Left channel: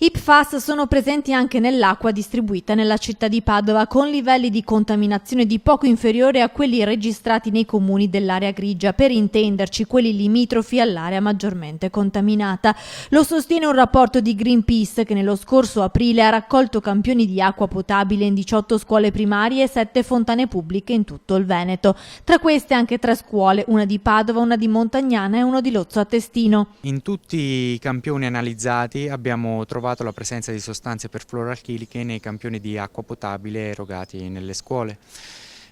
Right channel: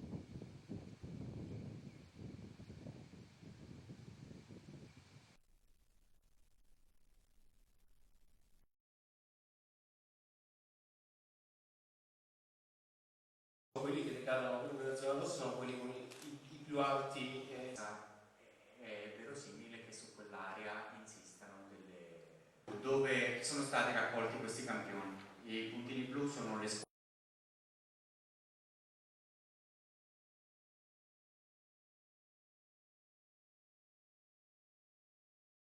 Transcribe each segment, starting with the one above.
I PFAS sono presenti anche nell'acqua distribuita nella città di Padova, con livelli di contaminazione di poco inferiori a quelli registrati nei comuni dell'area grigia, per intenderci quelli limitrofi all'area maggiormente contaminata. Lo sostiene un rapporto di Greenpeace che nello scorso aprile ha raccolto campioni di acqua potabile in 18 scuole primarie e 7 fontane pubbliche in tutto il Veneto. Tra queste anche 3 scuole, una di Padova, una di Montagnana e uno di Lozzo a Testino. In tutti i campioni analizzati abbiamo trovato la presenza di sostanze perfluoroalchiliche nei campioni di acqua potabile erogati nelle scuole.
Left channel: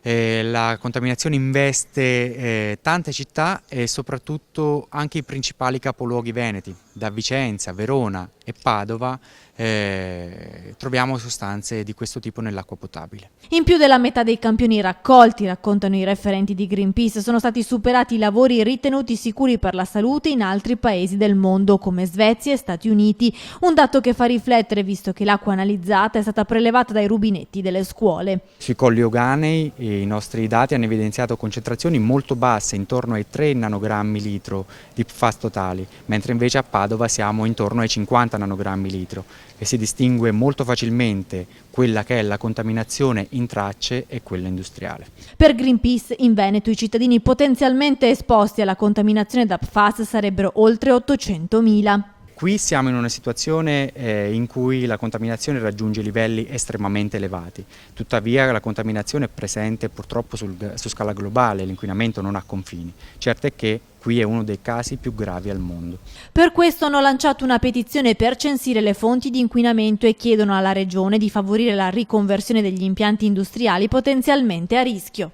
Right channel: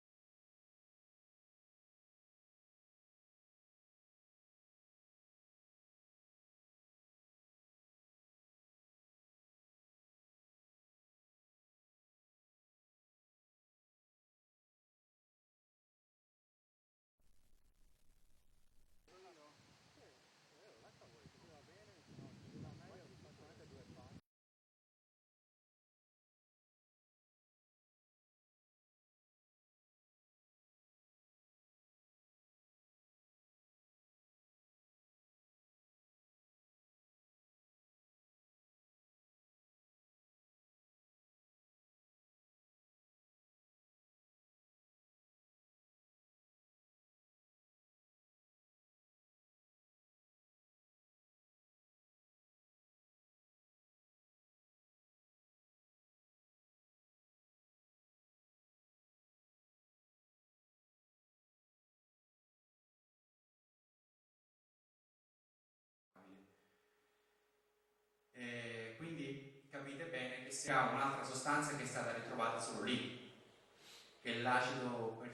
La contaminazione investe tante città e soprattutto anche i principali capoluoghi veneti, da Vicenza, Verona e Padova. Troviamo sostanze di questo tipo nell'acqua potabile. In più della metà dei campioni raccolti, raccontano i referenti di Greenpeace, sono stati superati i lavori ritenuti sicuri per la salute in altri paesi del mondo come Svezia e Stati Uniti, un dato che fa riflettere visto che l'acqua analizzata è stata prelevata dai rubinetti delle scuole. Sui colli euganei i nostri dati hanno evidenziato concentrazioni molto basse, intorno ai 3 nanogrammi litro di PFAS totali, mentre invece a Padova siamo intorno ai 50 nanogrammi litro. E si distingue molto facilmente quella che è la contaminazione in tracce e quella industriale. Per Greenpeace in Veneto i cittadini potenzialmente esposti alla contaminazione da PFAS sarebbero oltre 800.000. Qui siamo in una situazione in cui la contaminazione raggiunge livelli estremamente elevati, tuttavia la contaminazione è presente purtroppo su scala globale, l'inquinamento non ha confini. Certo è che qui è uno dei casi più gravi al mondo. Per questo hanno lanciato una petizione per censire le fonti di inquinamento e chiedono alla Regione di favorire la riconversione degli impianti industriali potenzialmente a rischio.